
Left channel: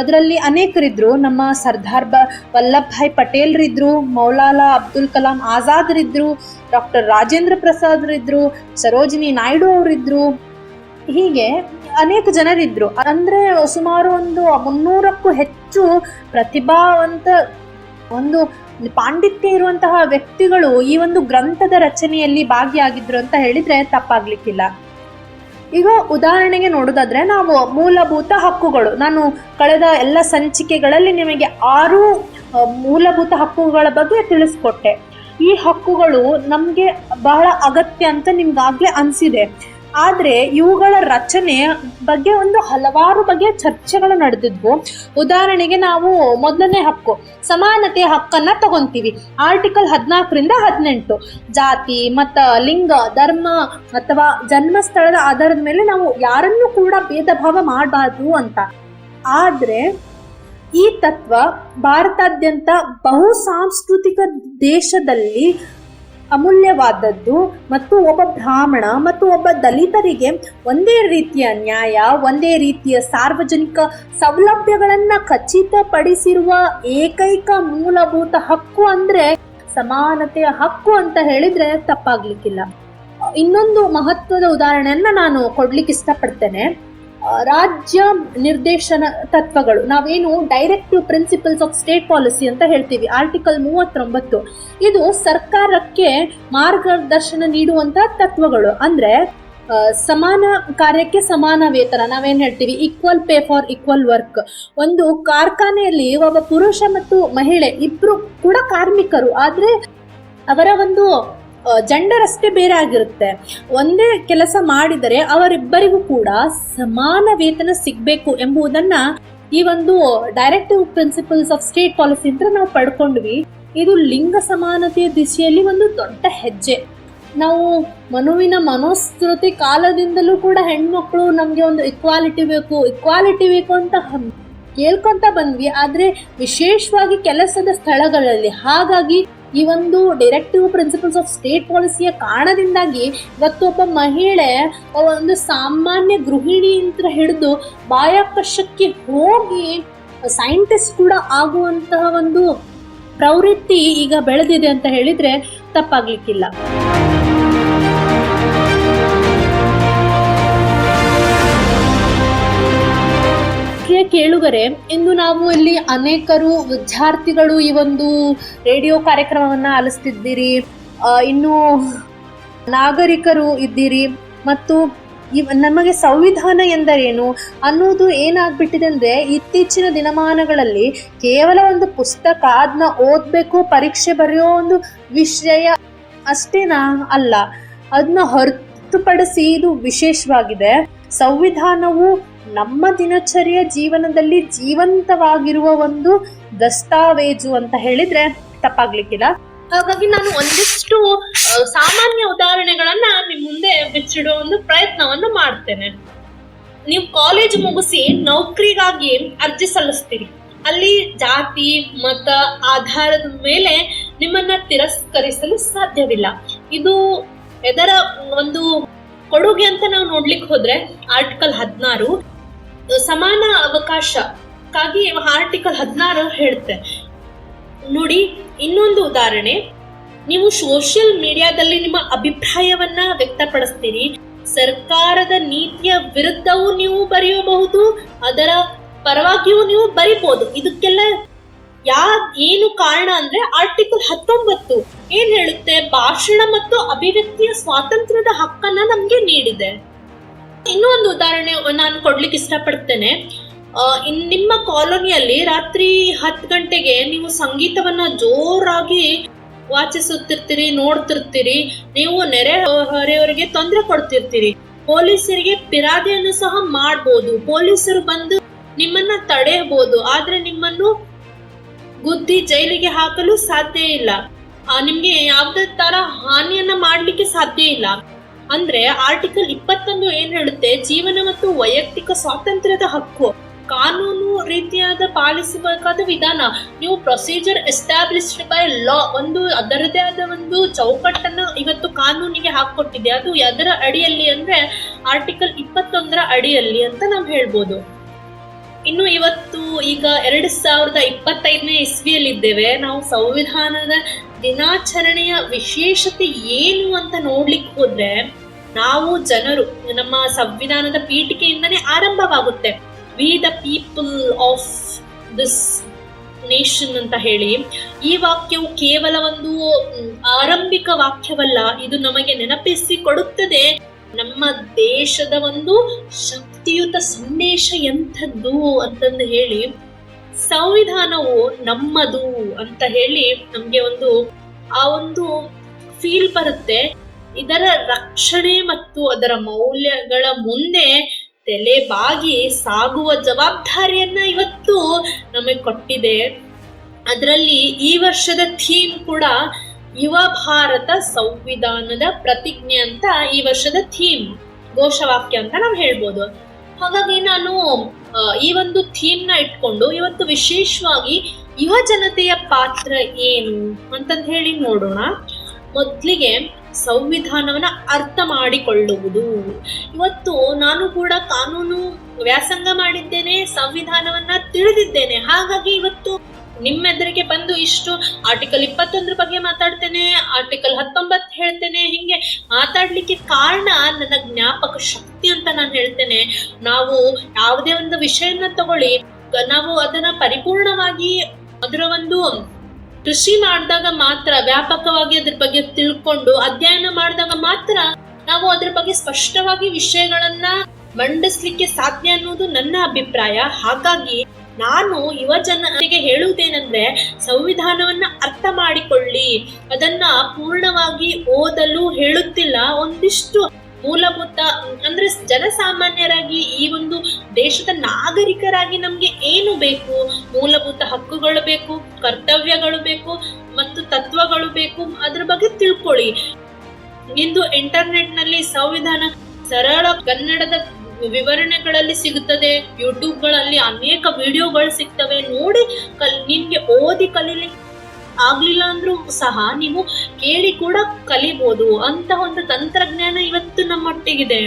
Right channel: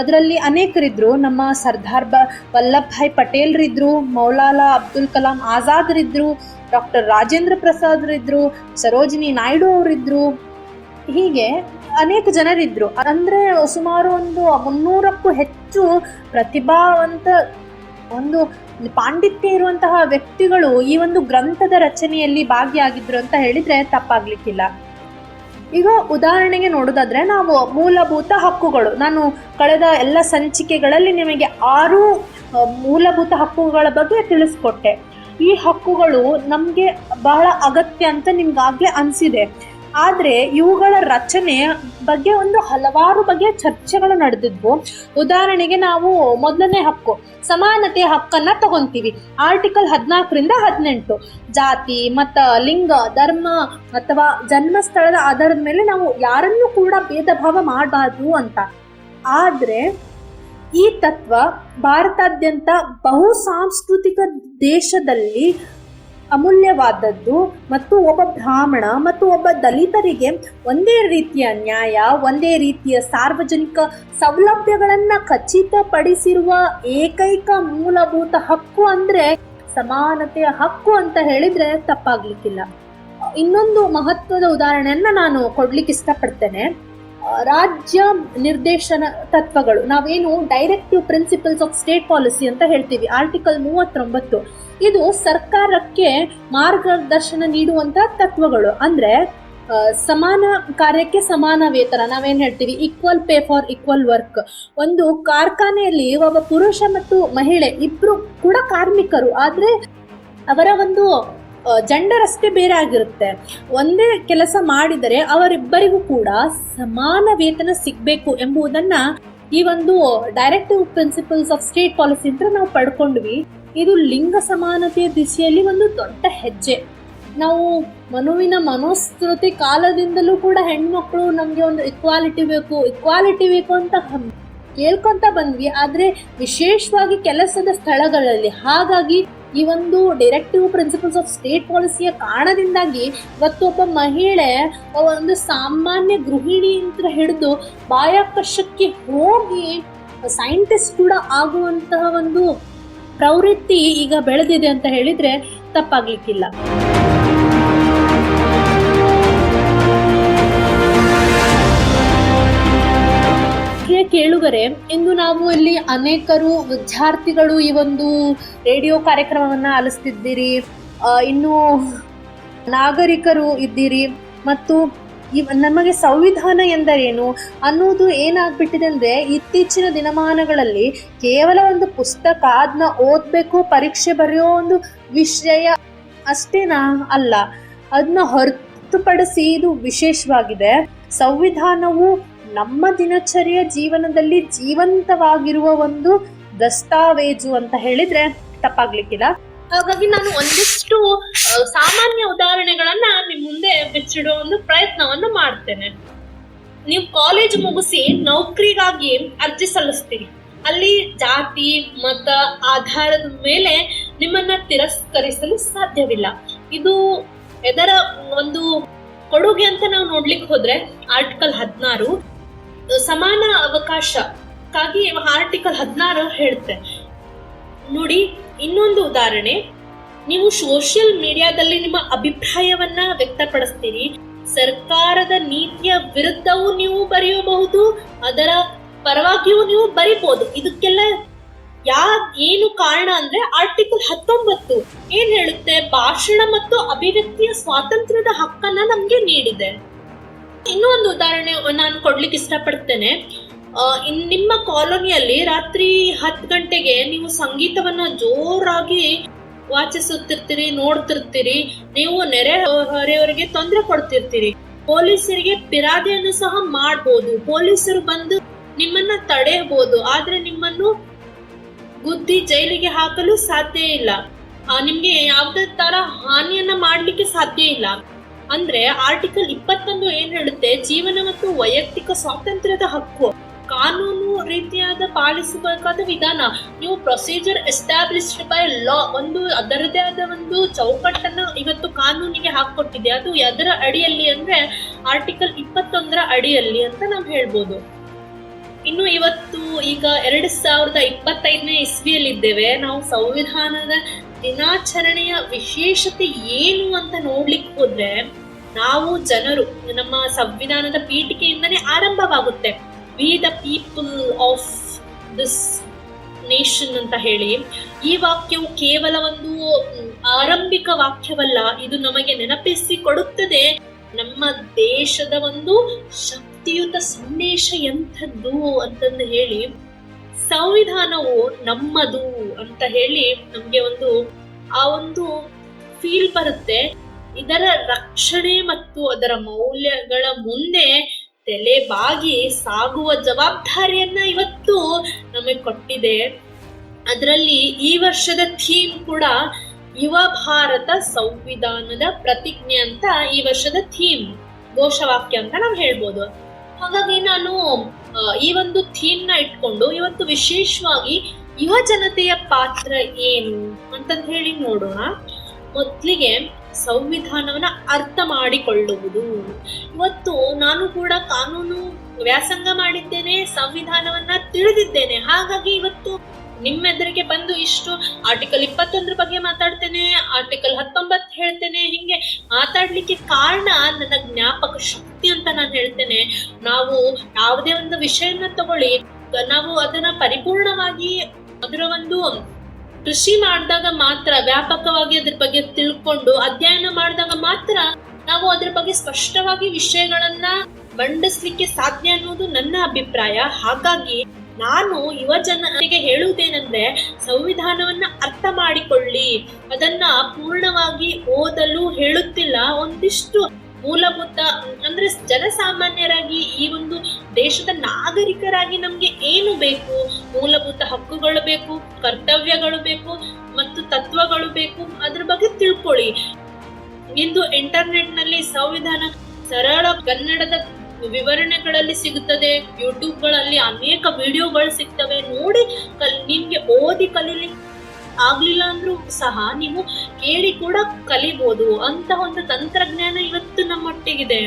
ಅದರಲ್ಲಿ ಅನೇಕರಿದ್ರು. ನಮ್ಮ ಸರ್ದಾರ್ ವಲ್ಲಭಭಾಯ್ ಪಟೇಲ್ರಿದ್ರು, ಮೌಲಾನಾ ಅಬ್ದುಲ್ ಕಲಾಂ ಆಜಾದ್ರಿದ್ರು, ಡಾಕ್ಟರ್ ರಾಜೇಂದ್ರ ಪ್ರಸಾದ್ರಿದ್ರು, ಸರೋಜಿನಿ ನಾಯ್ಡು ಅವರಿದ್ರು. ಹೀಗೆ ಅನೇಕ ಜನರಿದ್ರು. ಅಂದ್ರೆ ಸುಮಾರು ಒಂದು 300ಕ್ಕೂ ಹೆಚ್ಚು ಪ್ರತಿಭಾವಂತ, ಒಂದು ಪಾಂಡಿತ್ಯ ಇರುವಂತಹ ವ್ಯಕ್ತಿಗಳು ಈ ಒಂದು ಗ್ರಂಥದ ರಚನೆಯಲ್ಲಿ ಭಾಗಿಯಾಗಿದ್ರು ಅಂತ ಹೇಳಿದ್ರೆ ತಪ್ಪಾಗ್ಲಿಕ್ಕಿಲ್ಲ. ಈಗ ಉದಾಹರಣೆಗೆ ನೋಡೋದಾದ್ರೆ ನಾವು ಮೂಲಭೂತ ಹಕ್ಕುಗಳು, ನಾನು ಕಳೆದ ಎಲ್ಲ ಸಂಚಿಕೆಗಳಲ್ಲಿ ನಿಮಗೆ 6 ಮೂಲಭೂತ ಹಕ್ಕುಗಳ ಬಗ್ಗೆ ತಿಳಿಸ್ಕೊಟ್ಟೆ. ಈ ಹಕ್ಕುಗಳು ನಮಗೆ ಬಹಳ ಅಗತ್ಯ ಅಂತ ನಿಮ್ಗಾಗ್ಲೇ ಅನಿಸಿದೆ. ಆದರೆ ಇವುಗಳ ರಚನೆ ಬಗ್ಗೆ ಒಂದು ಹಲವಾರು ಬಗೆಯ ಚರ್ಚೆಗಳು ನಡೆದಿದ್ವು. ಉದಾಹರಣೆಗೆ ನಾವು ಮೊದಲನೇ ಹಕ್ಕು ಸಮಾನತೆ ಹಕ್ಕನ್ನ ತಗೊಂತೀವಿ. ಆರ್ಟಿಕಲ್ 14ರಿಂದ 18 ಜಾತಿ, ಮತ, ಲಿಂಗ, ಧರ್ಮ ಅಥವಾ ಜನ್ಮಸ್ಥಳದ ಆಧಾರದ ಮೇಲೆ ನಾವು ಯಾರನ್ನೂ ಕೂಡ ಭೇದ ಭಾವ ಮಾಡಬಾರ್ದು ಅಂತ. ಆದರೆ ಈ ತತ್ವ ಭಾರತಾದ್ಯಂತ ಬಹು ಸಾಂಸ್ಕೃತಿಕ ದೇಶದಲ್ಲಿ ಅಮೂಲ್ಯವಾದದ್ದು ಮತ್ತು ಒಬ್ಬ ಬ್ರಾಹ್ಮಣ ಮತ್ತು ಒಬ್ಬ ದಲಿತರಿಗೆ ಒಂದೇ ರೀತಿಯ ನ್ಯಾಯ, ಒಂದೇ ರೀತಿಯ ಸಾರ್ವಜನಿಕ ಸೌಲಭ್ಯಗಳನ್ನ ಖಚಿತಪಡಿಸಿರುವ ಏಕೈಕ ಮೂಲಭೂತ ಹಕ್ಕು ಅಂದ್ರೆ ಸಮಾನತೆಯ ಹಕ್ಕು ಅಂತ ಹೇಳಿದ್ರೆ ತಪ್ಪಾಗ್ಲಿಕ್ಕಿಲ್ಲ. ಇನ್ನೊಂದು ಮಹತ್ವದ ಉದಾಹರಣೆಯನ್ನ ನಾನು ಕೊಡ್ಲಿಕ್ಕೆ ಇಷ್ಟಪಡ್ತೇನೆ. ರಾಜ್ಯ ನಿರ್ದೇಶನ ತತ್ವಗಳು, ನಾವೇನು directive principles of state policy ಅಂತ ಹೇಳ್ತೀವಿ, ಆರ್ಟಿಕಲ್ 39. ಇದು ಸರ್ಕಾರಕ್ಕೆ ಮಾರ್ಗದರ್ಶನ ನೀಡುವಂತ ತತ್ವಗಳು. ಅಂದ್ರೆ ಸಮಾನ ಕಾರ್ಯಕ್ಕೆ ಸಮಾನ ವೇತನ, ನಾವೇನ್ ಹೇಳ್ತೀವಿ equal pay for equal work. ಒಂದು ಕಾರ್ಖಾನೆಯಲ್ಲಿ ಒಬ್ಬ ಪುರುಷ ಮತ್ತು ಮಹಿಳೆ ಇಬ್ರು ಕೂಡ ಕಾರ್ಮಿಕರು, ಆದ್ರೆ ಅವರ ಒಂದು ಜೆಂಡರ್ ಅಷ್ಟೇ ಬೇರೆ ಆಗಿರುತ್ತೆ. ಒಂದೇ ಕೆಲಸ ಮಾಡಿದರೆ ಅವರಿಬ್ಬರಿಗೂ ಕೂಡ ಸಮಾನ ವೇತನ ಸಿಗಬೇಕು ಎಂಬುದನ್ನ ಈ ಒಂದು directive principles of state policy ಅಂತ ನಾವು ಪಡ್ಕೊಂಡ್ವಿ. ಇದು ಲಿಂಗ ಸಮಾನತೆಯ ದಿಶೆಯಲ್ಲಿ ಒಂದು ದೊಡ್ಡ ಹೆಜ್ಜೆ. ನಾವು ಮನುವಿನ ಮನೋಸ್ಮೃತಿ ಕಾಲದಿಂದಲೂ ಕೂಡ ಹೆಣ್ಮಕ್ಳು ನಮಗೆ ಒಂದು ಇಕ್ವಾಲಿಟಿ ಬೇಕು ಅಂತ ಕೇಳ್ಕೊಂತ ಬಂದ್ವಿ. ಆದರೆ ವಿಶೇಷವಾಗಿ ಕೆಲಸದ ಸ್ಥಳಗಳಲ್ಲಿ. ಹಾಗಾಗಿ ಈ ಒಂದು ಡೈರೆಕ್ಟಿವ್ ಪ್ರಿನ್ಸಿಪಲ್ಸ್ ಆಫ್ ಸ್ಟೇಟ್ ಪಾಲಿಸಿಯ ಕಾರಣದಿಂದಾಗಿ ಇವತ್ತು ಒಬ್ಬ ಮಹಿಳೆ ಒಂದು ಸಾಮಾನ್ಯ ಗೃಹಿಣಿ ಅಂತ ಹಿಡಿದು ಬಾಹ್ಯಾಕಾಶಕ್ಕೆ ಹೋಗಿ ಸೈಂಟಿಸ್ಟ್ ಕೂಡ ಆಗುವಂತಹ ಒಂದು ಪ್ರವೃತ್ತಿ ಈಗ ಬೆಳೆದಿದೆ ಅಂತ ಹೇಳಿದ್ರೆ ತಪ್ಪಾಗ್ಲಿಕ್ಕಿಲ್ಲ. ಕೇಳುಗರೆ, ಇಂದು ನಾವು ಇಲ್ಲಿ ಅನೇಕರು ವಿದ್ಯಾರ್ಥಿಗಳು ಈ ಒಂದು ರೇಡಿಯೋ ಕಾರ್ಯಕ್ರಮವನ್ನ ಆಲಿಸ್ತಿದ್ದೀರಿ, ಇನ್ನು ನಾಗರಿಕರು ಇದ್ದೀರಿ, ಮತ್ತು ನಮಗೆ ಸಂವಿಧಾನ ಎಂದರೇನು ಅನ್ನೋದು ಏನಾಗ್ಬಿಟ್ಟಿದೆ ಅಂದ್ರೆ ಇತ್ತೀಚಿನ ದಿನಮಾನಗಳಲ್ಲಿ ಕೇವಲ ಒಂದು ಪುಸ್ತಕ, ಅದನ್ನ ಓದ್ಬೇಕು, ಪರೀಕ್ಷೆ ಬರೆಯೋ ಒಂದು ವಿಷಯ ಅಷ್ಟೇನಾ ಅಲ್ಲ, ಅದನ್ನ ಹೊರತುಪಡಿಸಿ ಇದು ವಿಶೇಷವಾಗಿದೆ. ಸಂವಿಧಾನವು ನಮ್ಮ ದಿನಚರಿಯ ಜೀವನದಲ್ಲಿ ಜೀವಂತವಾಗಿರುವ ಒಂದು ದಸ್ತಾವೇಜು ಅಂತ ಹೇಳಿದ್ರೆ ತಪ್ಪಾಗ್ಲಿಕ್ಕಿಲ್ಲ. ಹಾಗಾಗಿ ನಾನು ಒಂದಿಷ್ಟು ಸಾಮಾನ್ಯ ಉದಾಹರಣೆಗಳನ್ನ ನಿಮ್ ಮುಂದೆ ಬಿಚ್ಚಿಡುವ ಒಂದು ಪ್ರಯತ್ನವನ್ನು ಮಾಡ್ತೇನೆ. ನೀವು ಕಾಲೇಜ್ ಮುಗಿಸಿ ನೌಕರಿಗಾಗಿ ಅರ್ಜಿ ಸಲ್ಲಿಸ್ತೀರಿ. ಅಲ್ಲಿ ಜಾತಿ, ಮತ ಆಧಾರದ ಮೇಲೆ ನಿಮ್ಮನ್ನ ತಿರಸ್ಕರಿಸಲು ಸಾಧ್ಯವಿಲ್ಲ. ಇದು ಇದರ ಒಂದು ಕೊಡುಗೆ ಅಂತ ನಾವು ನೋಡ್ಲಿಕ್ಕೆ ಹೋದ್ರೆ ಆರ್ಟಿಕಲ್ 16 ಸಮಾನ ಅವಕಾಶಕ್ಕಾಗಿ ಆರ್ಟಿಕಲ್ 16 ಹೇಳುತ್ತೆ ನೋಡಿ. ಇನ್ನೊಂದು ಉದಾಹರಣೆ, ನೀವು ಸೋಷಿಯಲ್ ಮೀಡಿಯಾದಲ್ಲಿ ನಿಮ್ಮ ಅಭಿಪ್ರಾಯವನ್ನ ವ್ಯಕ್ತಪಡಿಸ್ತೀರಿ. ಸರ್ಕಾರದ ನೀತಿಯ ವಿರುದ್ಧವೂ ನೀವು ಬರೆಯಬಹುದು, ಅದರ ಪರವಾಗಿಯೂ ನೀವು ಬರಿಬಹುದು. ಇದಕ್ಕೆಲ್ಲ ಏನು ಕಾರಣ ಅಂದ್ರೆ ಆರ್ಟಿಕಲ್ 19 ಏನ್ ಹೇಳುತ್ತೆ, ಭಾಷಣ ಮತ್ತು ಅಭಿವ್ಯಕ್ತಿಯ ಸ್ವಾತಂತ್ರ್ಯದ ಹಕ್ಕನ್ನ ನಮ್ಗೆ ನೀಡಿದೆ. ಇನ್ನೊಂದು ಉದಾಹರಣೆ ನಾನು ಕೊಡ್ಲಿಕ್ಕೆ ಇಷ್ಟಪಡ್ತೇನೆ. ನಿಮ್ಮ ಕಾಲೋನಿಯಲ್ಲಿ ರಾತ್ರಿ 10 ಗಂಟೆಗೆ ನೀವು ಸಂಗೀತವನ್ನ ಜೋರಾಗಿ ವಾಚಿಸುತ್ತಿರ್ತೀರಿ, ನೋಡ್ತಿರ್ತೀರಿ. ನೀವು ನೆರೆಹೊರೆಯವರಿಗೆ ತೊಂದರೆ ಕೊಡ್ತಿರ್ತೀರಿ. ಪೊಲೀಸರಿಗೆ ಫಿರ್ಯಾದಿಯನ್ನು ಸಹ ಮಾಡ್ಬೋದು. ಪೊಲೀಸರು ಬಂದು ನಿಮ್ಮನ್ನ ತಡೆಯಬಹುದು, ಆದ್ರೆ ನಿಮ್ಮನ್ನು ಗುದ್ದಿ ಜೈಲಿಗೆ ಹಾಕಲು ಸಾಧ್ಯ ಇಲ್ಲ. ನಿಮ್ಗೆ ಯಾವುದೇ ತರ ಹಾನಿಯನ್ನ ಮಾಡ್ಲಿಕ್ಕೆ ಸಾಧ್ಯ ಇಲ್ಲ. ಅಂದ್ರೆ ಆರ್ಟಿಕಲ್ 21 ಏನ್ ಹೇಳುತ್ತೆ, ಜೀವನ ಮತ್ತು ವೈಯಕ್ತಿಕ ಸ್ವಾತಂತ್ರ್ಯದ ಹಕ್ಕು, ಕಾನೂನು ರೀತಿಯಾದ ಪಾಲಿಸಬೇಕಾದ ವಿಧಾನ. ನೀವು ಪ್ರೊಸೀಜರ್ ಎಸ್ಟಾಬ್ಲಿಷ್ಡ್ ಬೈ ಲಾ, ಒಂದು ಅದರದೇ ಆದ ಒಂದು ಚೌಕಟ್ಟನ್ನು ಇವತ್ತು ಕಾನೂನಿಗೆ ಹಾಕೊಟ್ಟಿದೆ. ಅದು ಅದರ ಅಡಿಯಲ್ಲಿ ಅಂದ್ರೆ ಆರ್ಟಿಕಲ್ 21ರ ಅಡಿಯಲ್ಲಿ ಅಂತ ನಾವು ಹೇಳ್ಬೋದು. ಇನ್ನು ಇವತ್ತು ಈಗ 2025ನೇ ಇಸ್ವಿಯಲ್ಲಿದ್ದೇವೆ. ನಾವು ಸಂವಿಧಾನದ ದಿನಾಚರಣೆಯ ವಿಶೇಷತೆ ಏನು ಅಂತ ನೋಡ್ಲಿಕ್ಕೆ ಹೋದ್ರೆ, ನಾವು ಜನರು ನಮ್ಮ ಸಂವಿಧಾನದ ಪೀಠಿಕೆಯಿಂದನೇ ಆರಂಭವಾಗುತ್ತೆ. We the people of this nation ಅಂತ ಹೇಳಿ. ಈ ವಾಕ್ಯವು ಕೇವಲ ಒಂದು ಆರಂಭಿಕ ವಾಕ್ಯವಲ್ಲ, ಇದು ನಮಗೆ ನೆನಪಿಸಿ ಕೊಡುತ್ತದೆ ನಮ್ಮ ದೇಶದ ಒಂದು ಶಕ್ತಿಯುತ ಸಂದೇಶ ಎಂಥದ್ದು ಅಂತಂದು ಹೇಳಿ, ಸಂವಿಧಾನವು ನಮ್ಮದು ಅಂತ ಹೇಳಿ ನಮ್ಗೆ ಆ ಒಂದು ಫೀಲ್ ಬರುತ್ತೆ. ಇದರ ರಕ್ಷಣೆ ಮತ್ತು ಅದರ ಮೌಲ್ಯಗಳ ಮುಂದೆ ತಲೆಬಾಗಿ ಸಾಗುವ ಜವಾಬ್ದಾರಿಯನ್ನ ಇವತ್ತು ನಮಗೆ ಕೊಟ್ಟಿದೆ. ಅದರಲ್ಲಿ ಈ ವರ್ಷದ ಥೀಮ್ ಕೂಡ ಯುವ ಭಾರತ ಸಂವಿಧಾನದ ಪ್ರತಿಜ್ಞೆ ಅಂತ ಈ ವರ್ಷದ ಥೀಮ್, ಘೋಷವಾಕ್ಯ ಅಂತ ನಾವು ಹೇಳ್ಬೋದು. ಹಾಗಾಗಿ ನಾನು ಈ ಒಂದು ಥೀಮ್ ನ ಇಟ್ಕೊಂಡು ಇವತ್ತು ವಿಶೇಷವಾಗಿ ಯುವ ಜನತೆಯ ಪಾತ್ರ ಏನು ಅಂತಂತ ಹೇಳಿ ನೋಡೋಣ. ಮೊದಲಿಗೆ ಸಂವಿಧಾನವನ್ನ ಅರ್ಥ ಮಾಡಿಕೊಳ್ಳುವುದು. ಇವತ್ತು ನಾನು ಕೂಡ ಕಾನೂನು ವ್ಯಾಸಂಗ ಮಾಡಿದ್ದೇನೆ, ಸಂವಿಧಾನವನ್ನ ತಿಳಿದಿದ್ದೇನೆ. ಹಾಗಾಗಿ ಇವತ್ತು ನಿಮ್ಮೆದುರಿಗೆ ಬಂದು ಇಷ್ಟು ಆರ್ಟಿಕಲ್ 21 ಬಗ್ಗೆ ಮಾತಾಡ್ತೇನೆ, ಆರ್ಟಿಕಲ್ 19 ಹೇಳ್ತೇನೆ. ಹಿಂಗೆ ಮಾತಾಡ್ಲಿಕ್ಕೆ ಕಾರಣ ನನ್ನ ಜ್ಞಾಪಕ ಶಕ್ತಿ ಅಂತ ನಾನು ಹೇಳ್ತೇನೆ. ನಾವು ಯಾವುದೇ ಒಂದು ವಿಷಯನ ತಗೊಳ್ಳಿ, ನಾವು ಅದನ್ನ ಪರಿಪೂರ್ಣವಾಗಿ ಅದರ ಒಂದು ಕೃಷಿ ಮಾಡಿದಾಗ ಮಾತ್ರ, ವ್ಯಾಪಕವಾಗಿ ಅದ್ರ ಬಗ್ಗೆ ತಿಳ್ಕೊಂಡು ಅಧ್ಯಯನ ಮಾಡಿದಾಗ ಮಾತ್ರ ನಾವು ಅದ್ರ ಬಗ್ಗೆ ಸ್ಪಷ್ಟವಾಗಿ ವಿಷಯಗಳನ್ನ ಮಂಡಿಸ್ಲಿಕ್ಕೆ ಸಾಧ್ಯ ಅನ್ನೋದು ನನ್ನ ಅಭಿಪ್ರಾಯ. ಹಾಗಾಗಿ ನಾನು ಯುವ ಜನತೆಗೆ ಹೇಳುವುದೇನೆಂದ್ರೆ, ಸಂವಿಧಾನವನ್ನ ಅರ್ಥ ಮಾಡಿಕೊಳ್ಳಿ. ಅದನ್ನ ಪೂರ್ಣವಾಗಿ ಓದಲು ಹೇಳುತ್ತಿಲ್ಲ, ಒಂದಿಷ್ಟು ಮೂಲಭೂತ ಅಂದ್ರೆ ಜನಸಾಮಾನ್ಯರಾಗಿ ಈ ಒಂದು ದೇಶದ ನಾಗರಿಕರಾಗಿ ನಮ್ಗೆ ಏನು ಬೇಕು, ಮೂಲಭೂತ ಹಕ್ಕುಗಳು ಬೇಕು, ಕರ್ತವ್ಯಗಳು ಬೇಕು ಮತ್ತು ತತ್ವಗಳು ಬೇಕು, ಅದ್ರ ಬಗ್ಗೆ ತಿಳ್ಕೊಳ್ಳಿ. ಇಂದು ಇಂಟರ್ನೆಟ್ ನಲ್ಲಿ ಸಂವಿಧಾನ ಸರಳ ಕನ್ನಡದ ವಿವರಣೆಗಳಲ್ಲಿ ಸಿಗುತ್ತದೆ. ಯೂಟ್ಯೂಬ್ಗಳಲ್ಲಿ ಅನೇಕ ವಿಡಿಯೋಗಳು ಸಿಗ್ತವೆ. ನೋಡಿ ನಿಮ್ಗೆ ಓದಿ ಕಲೀಲಿಕ್ಕೆ ಆಗ್ಲಿಲ್ಲ ಅಂದ್ರೂ ಸಹ ನೀವು ಕೇಳಿ ಕೂಡ ಕಲಿಬಹುದು. ಅಂತ ಒಂದು ತಂತ್ರಜ್ಞಾನ ಇವತ್ತು ನಮ್ಮೊಟ್ಟಿಗಿದೆ.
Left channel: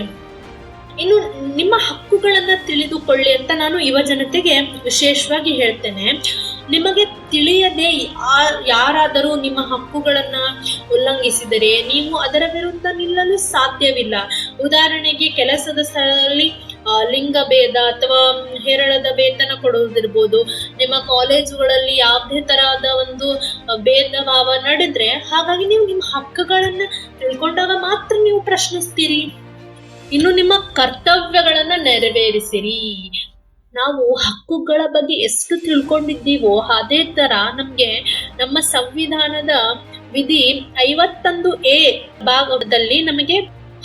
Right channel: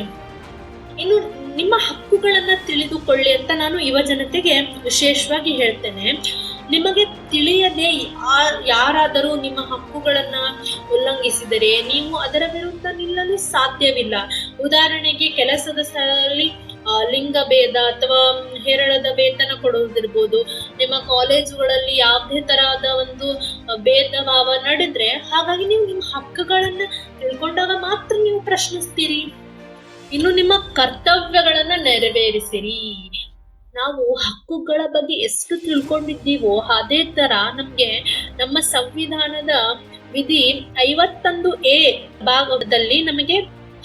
ಇನ್ನು ನಿಮ್ಮ ಹಕ್ಕುಗಳನ್ನ ತಿಳಿದುಕೊಳ್ಳಿ ಅಂತ ನಾನು ಯುವ ಜನತೆಗೆ ವಿಶೇಷವಾಗಿ ಹೇಳ್ತೇನೆ. ನಿಮಗೆ ತಿಳಿಯದೆ ಯಾರಾದರೂ ನಿಮ್ಮ ಹಕ್ಕುಗಳನ್ನ ಉಲ್ಲಂಘಿಸಿದರೆ ನೀವು ಅದರ ವಿರುದ್ಧ ನಿಲ್ಲಲು ಸಾಧ್ಯವಿಲ್ಲ. ಉದಾಹರಣೆಗೆ, ಕೆಲಸದ ಸ್ಥಳದಲ್ಲಿ ಲಿಂಗ ಭೇದ ಅಥವಾ ಹೇರಳದ ವೇತನ ಕೊಡುವುದಿರ್ಬೋದು. ನಿಮ್ಮ ಕಾಲೇಜುಗಳಲ್ಲಿ ಯಾವುದೇ ತರಹದ ಒಂದು ಭೇದ ಭಾವ ನಡೆದ್ರೆ, ಹಾಗಾಗಿ ನೀವು ನಿಮ್ಮ ಹಕ್ಕುಗಳನ್ನ ತಿಳ್ಕೊಂಡಾಗ ಮಾತ್ರ ನೀವು ಪ್ರಶ್ನಿಸ್ತೀರಿ. ಇನ್ನು ನಿಮ್ಮ ಕರ್ತವ್ಯಗಳನ್ನ ನೆರವೇರಿಸಿರಿ. ನಾವು ಹಕ್ಕುಗಳ ಬಗ್ಗೆ ಎಷ್ಟು ತಿಳ್ಕೊಂಡಿದ್ದೀವೋ ಅದೇ ತರ ನಮ್ಗೆ ನಮ್ಮ ಸಂವಿಧಾನದ ವಿಧಿ 51A ಭಾಗದಲ್ಲಿ ನಮಗೆ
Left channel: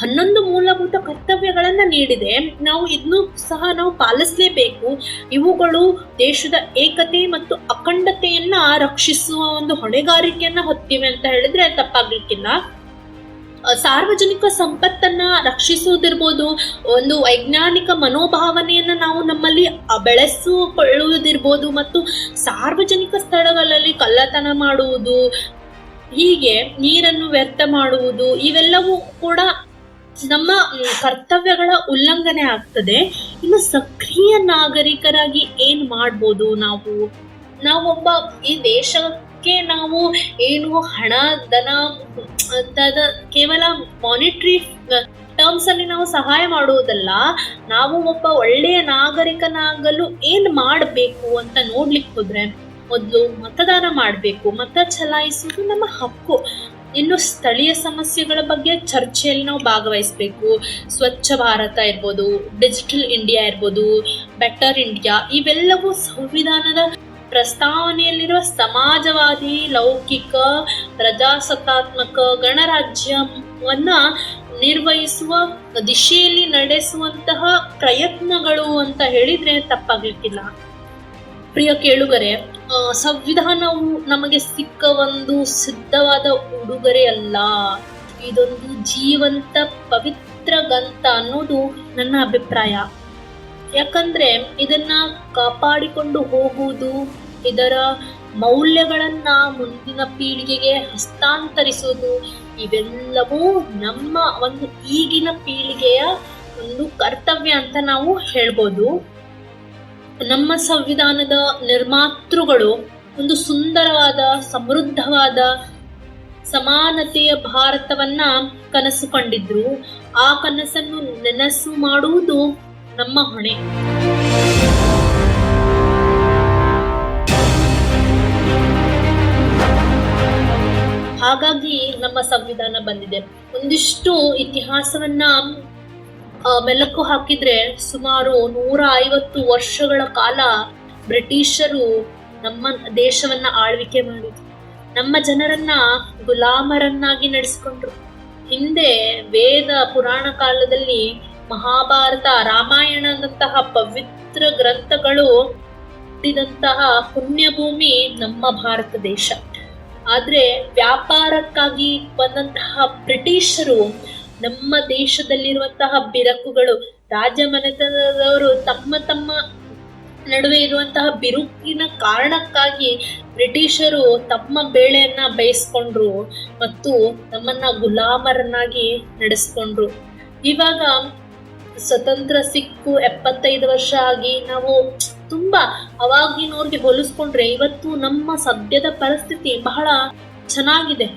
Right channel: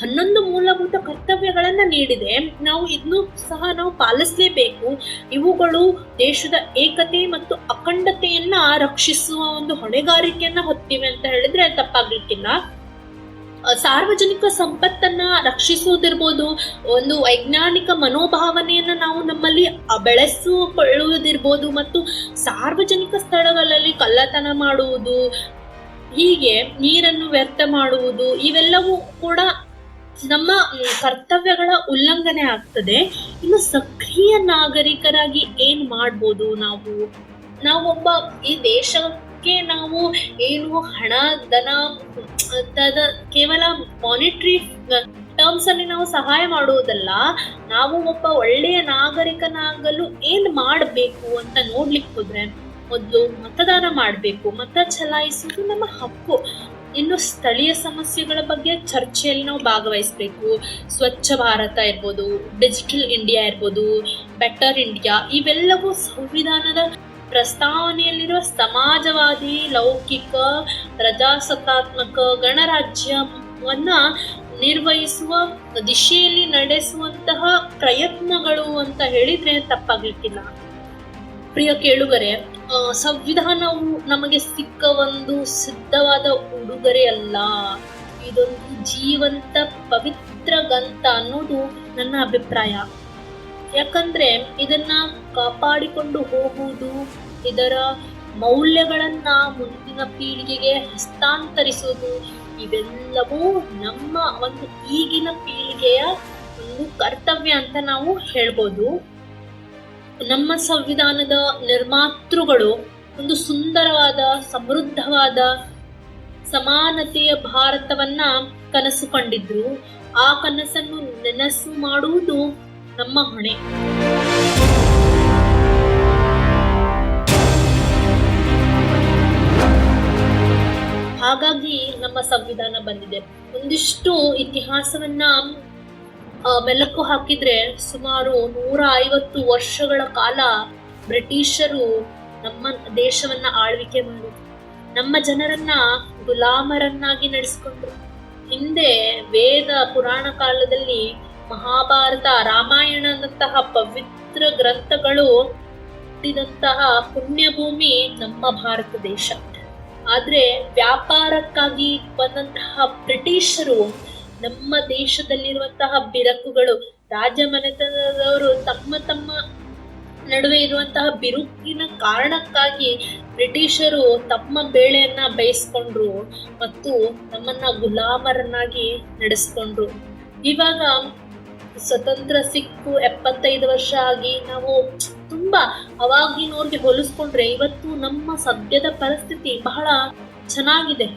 11 ಮೂಲಭೂತ ಕರ್ತವ್ಯಗಳನ್ನ ನೀಡಿದೆ. ನಾವು ಇದನ್ನು ಸಹ ನಾವು ಪಾಲಿಸಲೇಬೇಕು. ಇವುಗಳು ದೇಶದ ಏಕತೆ ಮತ್ತು ಅಖಂಡತೆಯನ್ನ ರಕ್ಷಿಸುವ ಒಂದು ಹೊಣೆಗಾರಿಕೆಯನ್ನ ಹೊತ್ತಿವೆ ಅಂತ ಹೇಳಿದ್ರೆ ತಪ್ಪಾಗ್ಲಿಕ್ಕಿಲ್ಲ. ಸಾರ್ವಜನಿಕ ಸಂಪತ್ತನ್ನ ರಕ್ಷಿಸುವುದಿರ್ಬೋದು, ಒಂದು ವೈಜ್ಞಾನಿಕ ಮನೋಭಾವನೆಯನ್ನ ನಾವು ನಮ್ಮಲ್ಲಿ ಬೆಳೆಸಿಕೊಳ್ಳುವುದಿರ್ಬೋದು, ಮತ್ತು ಸಾರ್ವಜನಿಕ ಸ್ಥಳಗಳಲ್ಲಿ ಕಳ್ಳತನ ಮಾಡುವುದು, ಹೀಗೆ ನೀರನ್ನು ವ್ಯರ್ಥ ಮಾಡುವುದು, ಇವೆಲ್ಲವೂ ಕೂಡ ನಮ್ಮ ಕರ್ತವ್ಯಗಳ ಉಲ್ಲಂಘನೆ ಆಗ್ತದೆ. ಇನ್ನು ಸಕ್ರಿಯ ನಾಗರಿಕರಾಗಿ ಏನ್ ಮಾಡ್ಬೋದು? ನಾವೊಬ್ಬ ಈ ದೇಶಕ್ಕೆ ನಾವು ಏನು ಹಣ, ಧನ, ಕೇವಲ ಮಾನಿಟರಿ ಟರ್ಮ್ಸ್ ಅಲ್ಲಿ ನಾವು ಸಹಾಯ ಮಾಡುವುದಲ್ಲ, ನಾವು ಒಬ್ಬ ಒಳ್ಳೆಯ ನಾಗರಿಕನಾಗಲು ಏನ್ ಮಾಡಬೇಕು ಅಂತ ನೋಡ್ಲಿಕ್ಕೆ ಹೋದ್ರೆ, ಮೊದಲು ಮತದಾನ ಮಾಡಬೇಕು. ಮತ ಚಲಾಯಿಸುವುದು ನಮ್ಮ ಹಕ್ಕು. ಇನ್ನು ಸ್ಥಳೀಯ ಸಮಸ್ಯೆಗಳ ಬಗ್ಗೆ ಚರ್ಚೆಯಲ್ಲಿ ನಾವು ಭಾಗವಹಿಸಬೇಕು. ಸ್ವಚ್ಛ ಭಾರತ ಇರ್ಬೋದು, ಡಿಜಿಟಲ್ ಇಂಡಿಯಾ ಇರ್ಬೋದು, ಬೆಟರ್ ಇಂಡಿಯಾ, ಇವೆಲ್ಲವೂ ಸಂವಿಧಾನದ ಪ್ರಸ್ತಾವನೆಯಲ್ಲಿರುವ ಸಮಾಜವಾದಿ, ಲೌಕಿಕ, ಪ್ರಜಾಸತ್ತಾತ್ಮಕ ಗಣರಾಜ್ಯವನ್ನ ನಿರ್ವಹಿಸುವ ದಿಶೆಯಲ್ಲಿ ನಡೆಸುವಂತಹ ಪ್ರಯತ್ನಗಳು ಅಂತ ಹೇಳಿದ್ರೆ ತಪ್ಪಾಗ್ಲಿಕ್ಕಿಲ್ಲ. ಪ್ರಿಯ ಕೇಳುಗರೆ, ಸಂವಿಧಾನವು ನಮಗೆ ಸಿಕ್ಕ ಒಂದು ಸಿದ್ಧವಾದ ಉಡುಗೊರೆ ಅಲ್ಲ, ಇದೊಂದು ಜೀವಂತ ಪವಿತ್ರ ಗ್ರಂಥ ಅನ್ನೋದು ನನ್ನ ಅಭಿಪ್ರಾಯ. ಯಾಕಂದ್ರೆ ಇದನ್ನ ಕಾಪಾಡಿಕೊಂಡು ಹೋಗುವುದು, ಇದರ ಮೌಲ್ಯಗಳನ್ನ ಮುಂದಿನ ಪೀಳಿಗೆಗೆ ಹಸ್ತಾಂತರಿಸುವುದು, ಇವೆಲ್ಲವೂ ನಮ್ಮ ಒಂದು ಈಗಿನ ಪೀಳಿಗೆಯ ಒಂದು ಕರ್ತವ್ಯ ಅಂತ ನಾವು ಹೇಳ್ಬೋದು. ನಮ್ಮ ಸಂವಿಧಾನದ ನಿರ್ಮಾತೃಗಳು ಒಂದು ಸುಂದರವಾದ, ಸಮೃದ್ಧವಾದ, ಸಮಾನತೆಯ ಭಾರತವನ್ನ ಕನಸು ಕಂಡಿದ್ರು. ಆ ಕನಸನ್ನು ನನಸು ಮಾಡುವುದು ನಮ್ಮ ಹೊಣೆ. ಹಾಗಾಗಿ ನಮ್ಮ ಸಂವಿಧಾನ ಬಂದಿದೆ. ಒಂದಿಷ್ಟು ಇತಿಹಾಸವನ್ನ ಮೆಲುಕು ಹಾಕಿದ್ರೆ ಸುಮಾರು 150 ವರ್ಷಗಳ ಕಾಲ ಬ್ರಿಟಿಷರು ನಮ್ಮ ದೇಶವನ್ನ ಆಳ್ವಿಕೆ ಮಾಡಿದ್ರು. ನಮ್ಮ ಜನರನ್ನ ಗುಲಾಮರನ್ನಾಗಿ ನಡೆಸಿಕೊಂಡ್ರು. ಹಿಂದೆ ವೇದ ಪುರಾಣ ಕಾಲದಲ್ಲಿ ಮಹಾಭಾರತ, ರಾಮಾಯಣದಂತಹ ಪವಿತ್ರ ಗ್ರಂಥಗಳು ಹುಟ್ಟಿದಂತಹ ಪುಣ್ಯಭೂಮಿ ನಮ್ಮ ಭಾರತ ದೇಶ. ಆದ್ರೆ ವ್ಯಾಪಾರಕ್ಕಾಗಿ ಬಂದಂತಹ ಬ್ರಿಟಿಷರು ನಮ್ಮ ದೇಶದಲ್ಲಿರುವಂತಹ ಬಿರುಕುಗಳು, ರಾಜಮನೆತನದವರು ತಮ್ಮ ನಡುವೆ ಇರುವಂತಹ ಬಿರುಕಿನ ಕಾರಣಕ್ಕಾಗಿ ಬ್ರಿಟಿಷರು ತಮ್ಮ ಬೇಳೆಯನ್ನ ಬೇಯಿಸ್ಕೊಂಡ್ರು ಮತ್ತು ನಮ್ಮನ್ನ ಗುಲಾಮರನ್ನಾಗಿ ನಡೆಸ್ಕೊಂಡ್ರು. ಇವಾಗ ಸ್ವತಂತ್ರ ಸಿಕ್ಕು 75 ವರ್ಷ ಆಗಿ ನಾವು ತುಂಬಾ ಅವಾಗಿನವ್ರಿಗೆ ಹೋಲಿಸ್ಕೊಂಡ್ರೆ ಇವತ್ತು ನಮ್ಮ ಸದ್ಯದ ಪರಿಸ್ಥಿತಿ ಬಹಳ ಚೆನ್ನಾಗಿದೆ.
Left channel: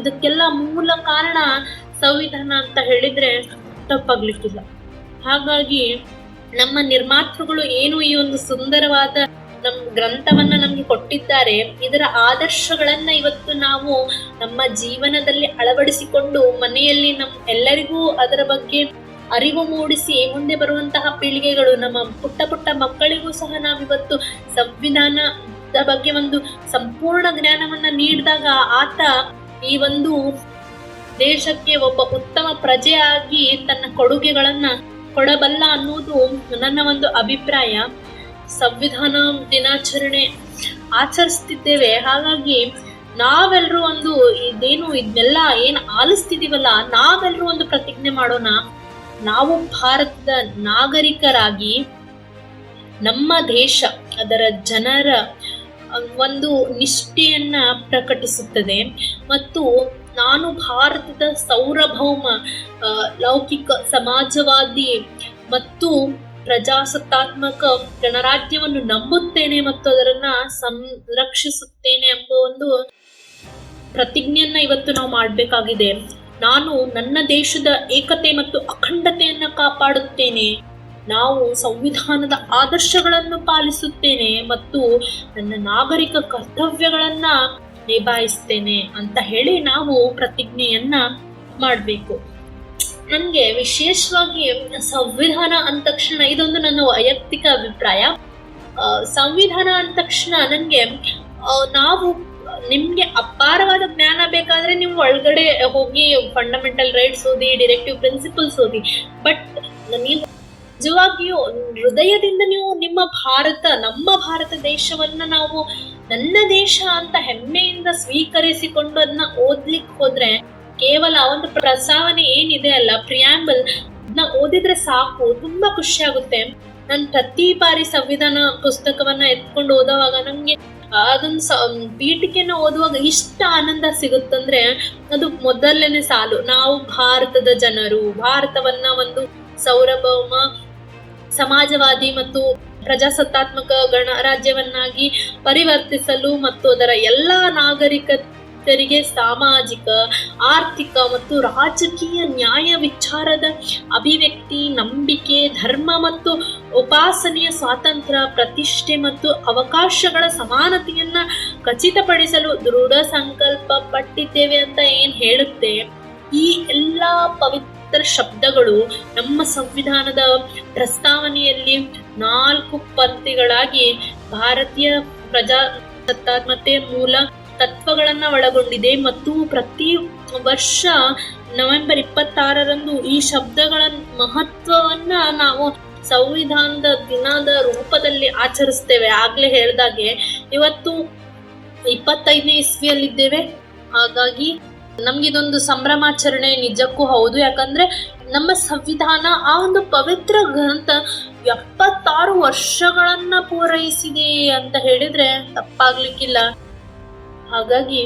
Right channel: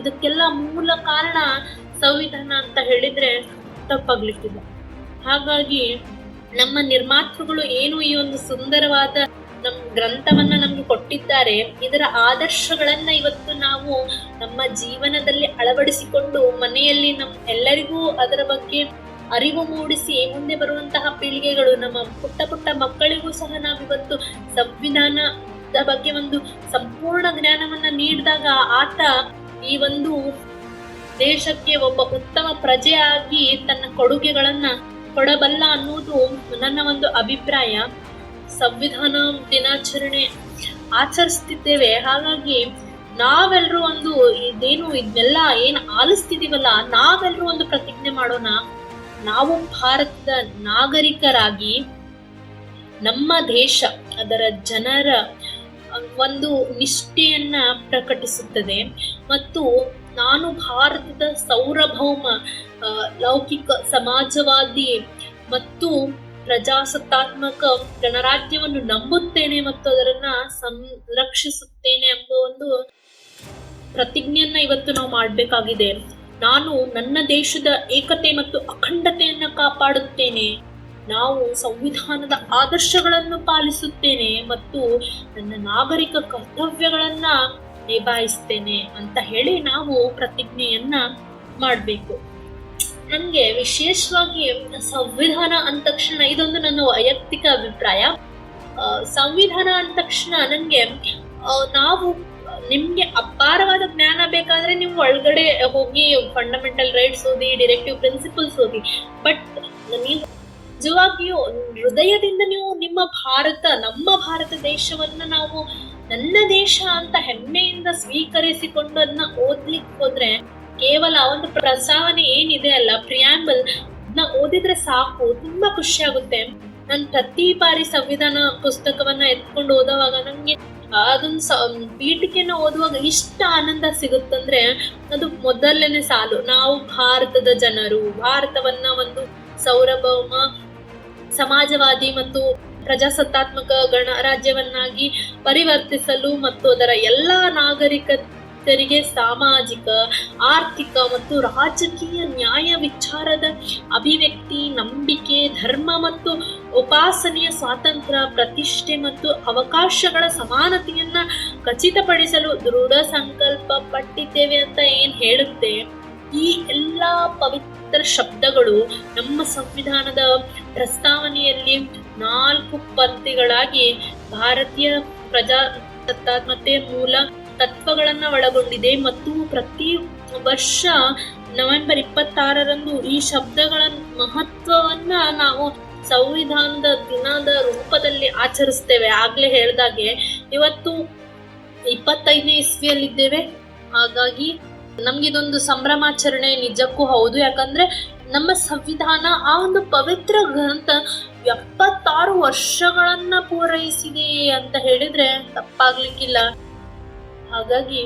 ಇದಕ್ಕೆಲ್ಲ ಮೂಲ ಕಾರಣ ಸಂವಿಧಾನ ಅಂತ ಹೇಳಿದ್ರೆ ತಪ್ಪಾಗ್ಲಿಕ್ಕಿಲ್ಲ. ಹಾಗಾಗಿ ನಮ್ಮ ನಿರ್ಮಾತೃಗಳು ಏನು ಈ ಒಂದು ಸುಂದರವಾದ ಗ್ರಂಥವನ್ನ ನಮ್ಗೆ ಕೊಟ್ಟಿದ್ದಾರೆ, ಇದರ ಆದರ್ಶಗಳನ್ನ ಇವತ್ತು ನಾವು ನಮ್ಮ ಜೀವನದಲ್ಲಿ ಅಳವಡಿಸಿಕೊಂಡು ಮನೆಯಲ್ಲಿ ಎಲ್ಲರಿಗೂ ಅದರ ಬಗ್ಗೆ ಅರಿವು ಮೂಡಿಸಿ ಮುಂದೆ ಬರುವಂತಹ ಪೀಳಿಗೆಗಳು, ನಮ್ಮ ಪುಟ್ಟ ಮಕ್ಕಳಿಗೂ ಸಹ ನಾವಿವತ್ತು ಸಂವಿಧಾನದ ಬಗ್ಗೆ ಒಂದು ಸಂಪೂರ್ಣ ಜ್ಞಾನವನ್ನ ನೀಡಿದಾಗ ಆತ ಈ ಒಂದು ದೇಶಕ್ಕೆ ಒಬ್ಬ ಉತ್ತಮ ಪ್ರಜೆಯಾಗಿ ತನ್ನ ಕೊಡುಗೆಗಳನ್ನ ಕೊಡಬಲ್ಲ ಅನ್ನೋದು ನನ್ನ ಒಂದು ಅಭಿಪ್ರಾಯ. ಸಂವಿಧಾನ ದಿನಾಚರಣೆ ಆಚರಿಸ್ತಿದ್ದೇವೆ, ಹಾಗಾಗಿ ನಾವೆಲ್ಲರೂ ಒಂದು ಇದನ್ನೆಲ್ಲ ಏನ್ ಆಲಿಸ್ತಿದೀವಲ್ಲ, ನಾವೆಲ್ಲರೂ ಒಂದು ಪ್ರತಿಜ್ಞೆ ಮಾಡೋಣ. ನಾವು ಭಾರತದ ನಾಗರಿಕರಾಗಿ ನಮ್ಮ ದೇಶ ಅದರ ಜನರ ಒಂದು ನಿಷ್ಠೆಯನ್ನ ಪ್ರಕಟಿಸುತ್ತದೆ ಮತ್ತು ನಾನು ಭಾರತದ ಸಾರ್ವಭೌಮ ಲೌಕಿಕ ಸಮಾಜವಾದಿ ಮತ್ತು ಪ್ರಜಾಸತ್ತಾತ್ಮಕ ಗಣರಾಜ್ಯವನ್ನು ನಂಬುತ್ತೇನೆ ಮತ್ತು ಅದರನ್ನ ಸಂರಕ್ಷಿಸುತ್ತೇನೆ ಎಂಬ ಒಂದು ಪ್ರತಿಜ್ಞೆಯನ್ನ ಇವತ್ತು ನಾವು ಮಾಡಬೇಕಾಗಿದೆ. ನಾನು ನನ್ನ ದೇಶದ ಏಕತೆ ಮತ್ತು ಅಖಂಡತೆಯನ್ನ ಕಾಪಾಡುತ್ತೇನೆ, ನಾವು ಸಂವಿಧಾನದ ಆದರ್ಶಗಳನ್ನು ಪಾಲಿಸುತ್ತೇನೆ ಮತ್ತು ನನ್ನ ನಾಗರಿಕ ಕರ್ತವ್ಯಗಳನ್ನ ನಿಭಾಯಿಸ್ತೇನೆ ಅಂತ ಹೇಳಿ ನಾವು ಪ್ರತಿಜ್ಞೆಯನ್ನ ಮಾಡಬೇಕು. ನನಗೆ ವಿಶೇಷವಾಗಿ ಸಂವಿಧಾನ ಅಂದ ತಕ್ಷಣ, ಇದೊಂದು ನನ್ನ ವೈಯಕ್ತಿಕ ಅಭಿಪ್ರಾಯ, ಸಂವಿಧಾನ ಅಂದ ತಕ್ಷಣ ನನಗೆ ನಿಮ್ಗೆ ಅಪಾರವಾದ ಜ್ಞಾನ ಬೇಕಾದ್ರೆ ನೀವು ಒಳಗಡೆ ಹೋಗಿ ಫಂಡಮೆಂಟಲ್ ರೈಟ್ಸ್ ಓದಿ, ಡೈರೆಕ್ಟಿವ್ ಪ್ರಿನ್ಸಿಪಲ್ಸ್ ಓದಿ, ಬಟ್ ನೀವು ನಿಜವಾಗಿಯೂ ಹೃದಯದಿಂದ ನೀವು ನಮ್ಮ ಭಾರತ ದೇಶವನ್ನ ನಾವು ನನ್ನ ದೇಶ ಅಂತ ಹೆಮ್ಮೆಯಿಂದ ಸ್ವೀಕರಿಸಿಕೊಂಡು ಅದನ್ನ ಓದ್ಲಿಕ್ಕೆ ಹೋದ್ರೆ, ಕೇವಲ ಒಂದು ಪ್ರಸ್ತಾವನೆ ಏನಿದೆ ಅಲ್ಲ, ಪ್ರಿಯಾಂಬಲ್, ಅದನ್ನ ಓದಿದ್ರೆ ಸಾಕು, ತುಂಬಾ ಖುಷಿ ಆಗುತ್ತೆ. ನಾನು ಪ್ರತಿ ಬಾರಿ ಸಂವಿಧಾನ ಪುಸ್ತಕವನ್ನ ಎತ್ಕೊಂಡು ಓದುವಾಗ ನಂಗೆ ಅದೊಂದು ಪೀಠಿಕೆನ ಓದುವಾಗ ಇಷ್ಟ ಆನಂದ ಸಿಗುತ್ತಂದ್ರೆ ಅದು ಮೊದಲನೇ ಸಾಲು. ನಾವು ಭಾರತದ ಜನರು ಭಾರತವನ್ನ ಒಂದು ಸಾರ್ವಭೌಮ ಸಮಾಜವಾದಿ ಮತ್ತು ಪ್ರಜಾಸತ್ತಾತ್ಮಕ ಗಣರಾಜ್ಯವನ್ನಾಗಿ ಪರಿವರ್ತಿಸಲು ಮತ್ತು ಅದರ ಎಲ್ಲ ನಾಗರಿಕರಿಗೆ ಸಾಮಾಜಿಕ, ಆರ್ಥಿಕ ಮತ್ತು ರಾಜಕೀಯ ನ್ಯಾಯ ವಿಚಾರದ ಅಭಿವ್ಯಕ್ತಿ, ನಂಬಿಕೆ, ಧರ್ಮ ಮತ್ತು ಉಪಾಸನೆಯ ಸ್ವಾತಂತ್ರ್ಯ, ಪ್ರತಿಷ್ಠೆ ಮತ್ತು ಅವಕಾಶಗಳ ಸಮಾನತೆಯನ್ನ ಖಚಿತಪಡಿಸಲು ದೃಢ ಸಂಕಲ್ಪ ಪಟ್ಟಿದ್ದೇವೆ ಅಂತ ಏನ್ ಹೇಳುತ್ತೆ. ಈ ಎಲ್ಲ ಪವಿತ್ರ ಶಬ್ದಗಳು ನಮ್ಮ ಸಂವಿಧಾನದ ಪ್ರಸ್ತಾವನೆಯಲ್ಲಿ 4 ಪದ್ಯಗಳಾಗಿ ಭಾರತೀಯ ಪ್ರಜಾಸತ್ತಾತ್ಮತೆ ಮೂಲ ತತ್ವಗಳನ್ನ ಒಳಗೊಂಡಿದೆ ಮತ್ತು ಪ್ರತಿ ವರ್ಷ ನವೆಂಬರ್ 26ರಂದು ಈ ಶಬ್ದಗಳ ಮಹತ್ವವನ್ನ ನಾವು ಸಂವಿಧಾನದ ದಿನದ ರೂಪದಲ್ಲಿ ಆಚರಿಸ್ತೇವೆ. ಆಗ್ಲೇ ಹೇಳ್ದಾಗೆ ಇವತ್ತು 25ನೇ ಇಸ್ವಿಯಲ್ಲಿದ್ದೇವೆ, ಹಾಗಾಗಿ ನಮ್ಗಿದೊಂದು ಸಂಭ್ರಮಾಚರಣೆ ನಿಜಕ್ಕೂ ಹೌದು. ಯಾಕಂದ್ರೆ ನಮ್ಮ ಸಂವಿಧಾನ ಆ ಒಂದು ಪವಿತ್ರ ಗ್ರಂಥ 76 ವರ್ಷಗಳನ್ನ ಪೂರೈಸಿದೆ ಅಂತ ಹೇಳಿದ್ರೆ ತಪ್ಪಾಗ್ಲಿಕ್ಕಿಲ್ಲ. ಹಾಗಾಗಿ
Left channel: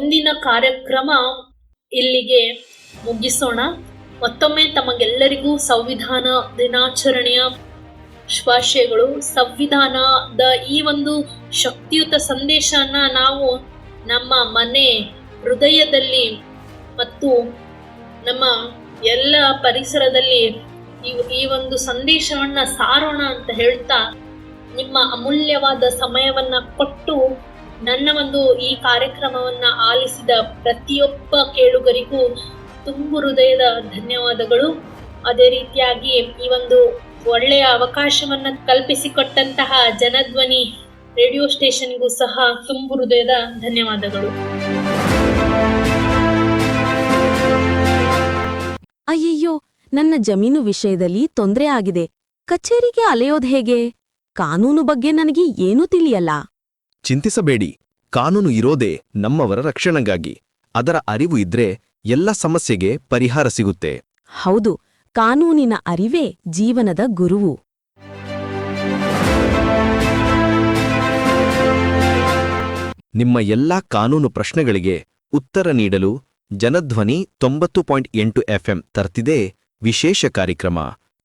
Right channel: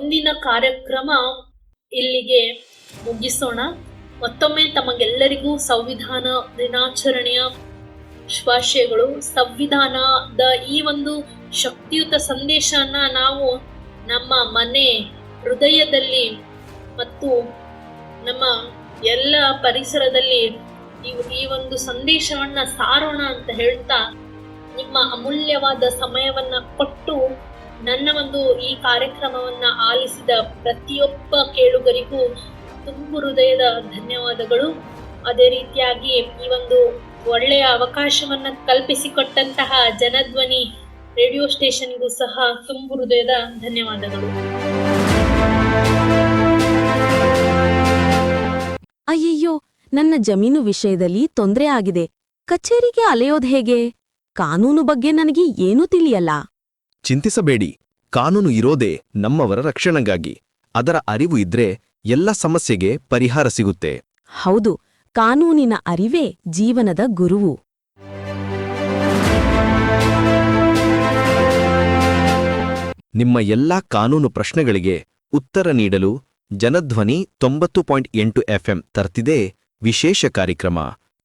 ಇಂದಿನ ಕಾರ್ಯಕ್ರಮ ಇಲ್ಲಿಗೆ ಮುಗಿಸೋಣ. ಮತ್ತೊಮ್ಮೆ ತಮಗೆಲ್ಲರಿಗೂ ಸಂವಿಧಾನ ದಿನಾಚರಣೆಯ ಶುಭಾಶಯಗಳು. ಸಂವಿಧಾನದ ಈ ಒಂದು ಶಕ್ತಿಯುತ ಸಂದೇಶನ ನಾವು ನಮ್ಮ ಮನೆ ಹೃದಯದಲ್ಲಿ ಮತ್ತು ನಮ್ಮ ಎಲ್ಲ ಪರಿಸರದಲ್ಲಿ ಈ ಒಂದು ಸಂದೇಶವನ್ನ ಸಾರೋಣ ಅಂತ ಹೇಳ್ತಾ, ನಿಮ್ಮ ಅಮೂಲ್ಯವಾದ ಸಮಯವನ್ನ ಕೊಟ್ಟು ನನ್ನ ಒಂದು ಈ ಕಾರ್ಯಕ್ರಮವನ್ನ ಆಲಿಸಿದ ಪ್ರತಿಯೊಬ್ಬ ಕೇಳುಗರಿಗೂ ತುಂಬು ಹೃದಯದ ಧನ್ಯವಾದಗಳು. ಅದೇ ರೀತಿಯಾಗಿ ಈ ಒಂದು ಒಳ್ಳೆಯ ಅವಕಾಶವನ್ನು ಕಲ್ಪಿಸಿಕೊಟ್ಟಂತಹ ಜನಧ್ವನಿ ರೇಡಿಯೋ ಸ್ಟೇಷನ್ಗೂ ಸಹ ತುಂಬು ಹೃದಯದ ಧನ್ಯವಾದಗಳು. ಅಯ್ಯಯ್ಯೋ, ನನ್ನ ಜಮೀನು ವಿಷಯದಲ್ಲಿ ತೊಂದ್ರೆ ಆಗಿದೆ. ಕಚೇರಿಗೆ ಅಲೆಯೋದ್ ಹೇಗೆ? ಕಾನೂನು ಬಗ್ಗೆ ನನಗೆ ಏನೂ ತಿಳಿಯಲ್ಲ. ಚಿಂತಿಸಬೇಡಿ, ಕಾನೂನು ಇರೋದೇ ನಮ್ಮವರ ರಕ್ಷಣೆಗಾಗಿ. ಅದರ ಅರಿವು ಇದ್ರೆ ಎಲ್ಲ ಸಮಸ್ಯೆಗೆ ಪರಿಹಾರ ಸಿಗುತ್ತೆ. ಹೌದು, ಕಾನೂನಿನ ಅರಿವೇ ಜೀವನದ ಗುರುವು. ನಿಮ್ಮ ಎಲ್ಲಾ ಕಾನೂನು ಪ್ರಶ್ನೆಗಳಿಗೆ ಉತ್ತರ ನೀಡಲು ಜನಧ್ವನಿ 90.8 FM ತರ್ತಿದೆ ವಿಶೇಷ ಕಾರ್ಯಕ್ರಮ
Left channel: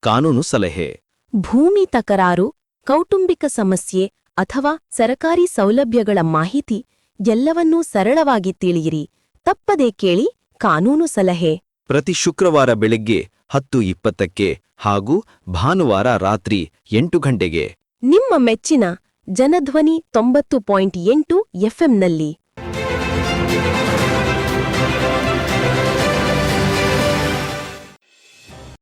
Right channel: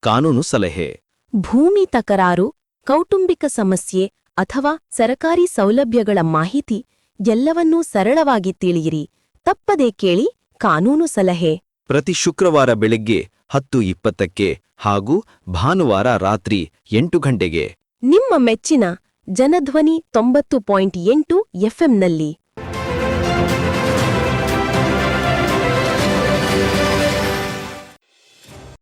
ಕಾನೂನು ಸಲಹೆ. ಭೂಮಿ ತಕರಾರು, ಕೌಟುಂಬಿಕ ಸಮಸ್ಯೆ ಅಥವಾ ಸರಕಾರಿ ಸೌಲಭ್ಯಗಳ ಮಾಹಿತಿ ಎಲ್ಲವನ್ನೂ ಸರಳವಾಗಿ ತಿಳಿಯಿರಿ. ತಪ್ಪದೇ ಕೇಳಿ ಕಾನೂನು ಸಲಹೆ. ಪ್ರತಿ ಶುಕ್ರವಾರ ಬೆಳಗ್ಗೆ 10:20ಕ್ಕೆ ಹಾಗೂ ಭಾನುವಾರ ರಾತ್ರಿ 8 ಗಂಟೆಗೆ ನಿಮ್ಮ ಮೆಚ್ಚಿನ ಜನಧ್ವನಿ 90.8 FMನಲ್ಲಿ.